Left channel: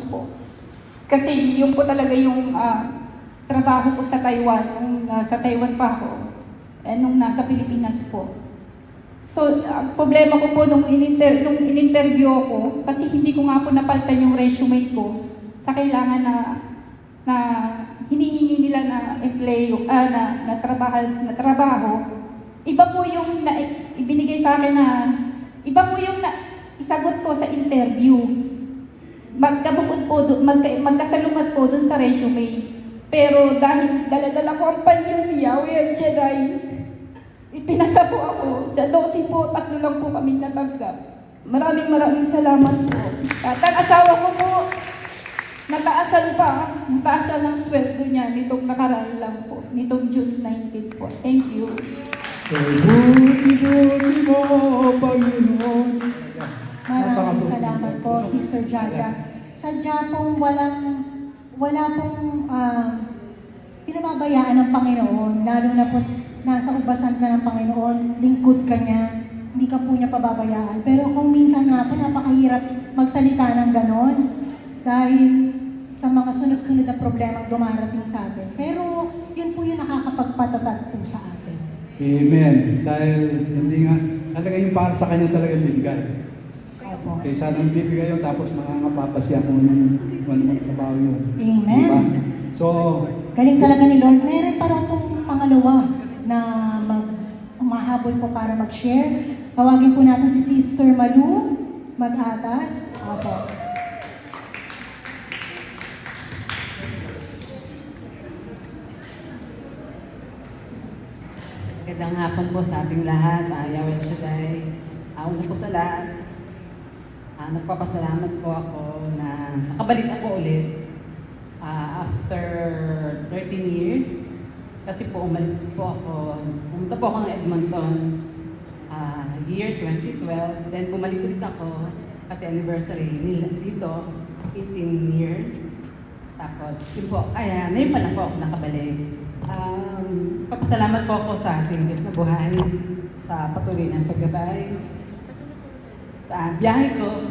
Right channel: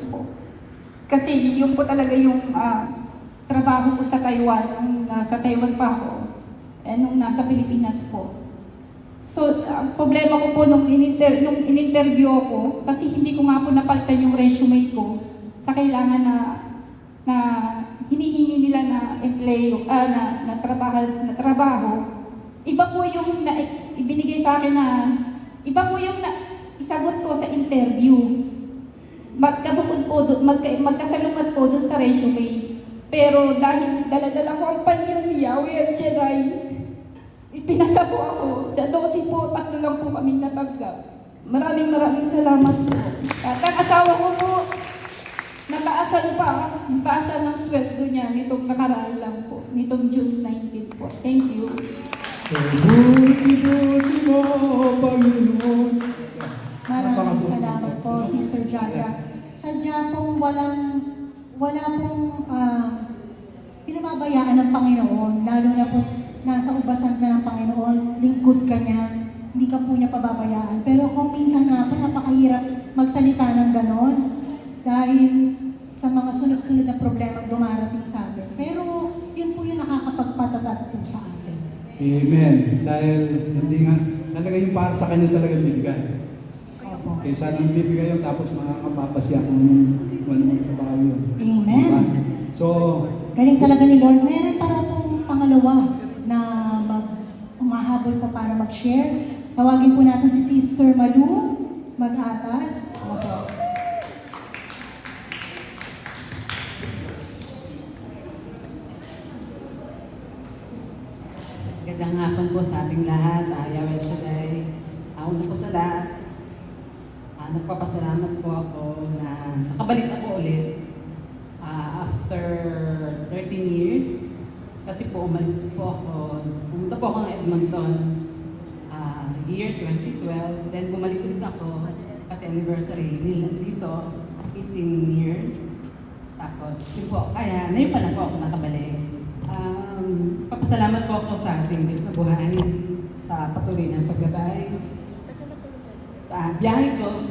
Marcos po. Kasi yun po talaga yung trabaho ko sa Taiwan, nung sa Taiwan pa ako, nung nasa Pilipinas po. So, ang problema ko po nung in-interview ako, kasi hindi ko nga po napalitan yung resume ko sa kailangan na hinihingi nila na trabaho. Iba po yung ibinigay sa akin iba po yung isagot ko sa interview. Magkabukod po doon, magkasalungat po doon sa resume. Pero dahil dala-dala ko ang panyo ni Yahweh at Shaddai, ipinasa po ako. Sa 12 po, 3 lang po kami natanggap. Maraming salamat po. At ang asawa ko po, nataasan ng sweldo niya nitong nakaraan lang po, nitong June 19 po. Thank you. Maraming salamat po, Sister Jaja. Sadya pong wala pong pinababayaan ng Panginoon, lalo na po nasa ubasan ka ng Panginoon, lingkod ka niya, hindi ka po niya pababayaan. Pero kung minsan nga po napakahirap magsalita ng ganon dahil sa mga sunod-sunod na problema dumarating sa atin. Pero yun po yung nakakapagpatatat po sa atin. Amen. Dahil hindi nga, talaga yung para sa kanya talaga binigay. Kaysa nang bibigay yun, tapos nakakapapasya kung anong trabaho yun. Amen. Diba? So, galing talaga ni Lord. Meron pa rin pong pangalawa na umahabol pa para mag-share. Tawagin po natin si Sister Malu Mag-atas. Opo. Magandang hapon po sa ating lahat. Yahweh Shaddai. Una po sa lahat, nagpapasalamat po ako na nakabalik ako ulit after 13 years. Kasi po umalis po ako. Pumunta po ako ng Edmonton year 2012. Then bumalik ulit ako kasi anniversary nila dito, 18 years. Tapos yun po, kaya ngayon pa lang po ako nakabalik. Papasalamat po ako sa ating Diyos na buhay sa patuloy ng paggabay. Sa biyahe ko,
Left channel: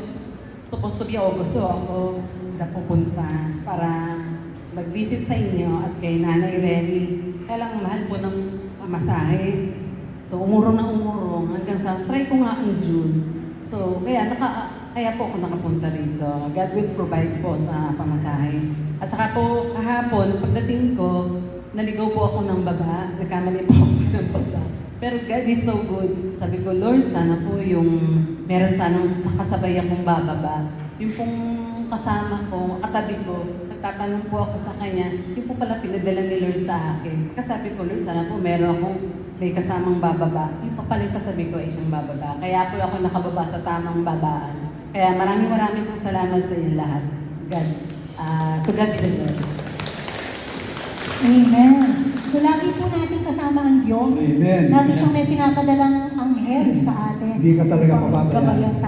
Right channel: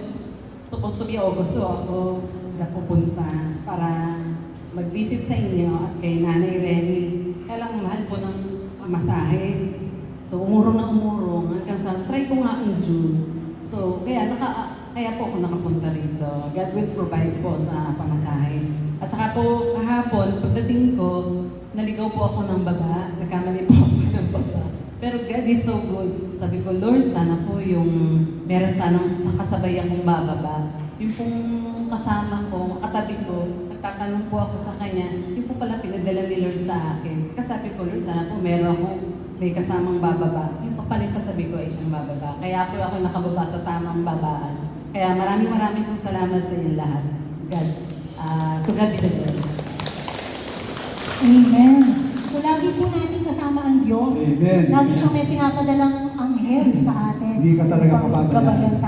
supposed to be August ako na pupunta para mag-visit sa inyo at kay Nanay Remy. Kaya lang mahal po ng pamasahe. So umurong na umurong hanggang sa try ko nga ang June. So kaya po ako nakapunta rito. God will provide po sa pamasahe. At saka po kahapon, pagdating ko, naligaw po ako ng baba. Nagkamali po ako ng baba. Pero God is so good. Sabi ko, Lord, sana po yung meron sanang kasabay akong bababa. Yung pong kasama ko, katabi ko, nagtatanong po ako sa kanya, yung po pala pinadala ni Lord sa akin. Kasi sabi ko, Lord, sana po meron akong may kasamang bababa. Yung pa pala yung katabi ko ay siyang bababa. Kaya ako nakababa sa tamang babaan. Kaya maraming po salamat sa inyo lahat. God. To God be the glory. Amen. So lagi po natin kasama ang Diyos. Amen. Lagi siyang may pinapadalang anghel sa atin. Hindi ka talaga pababayaan.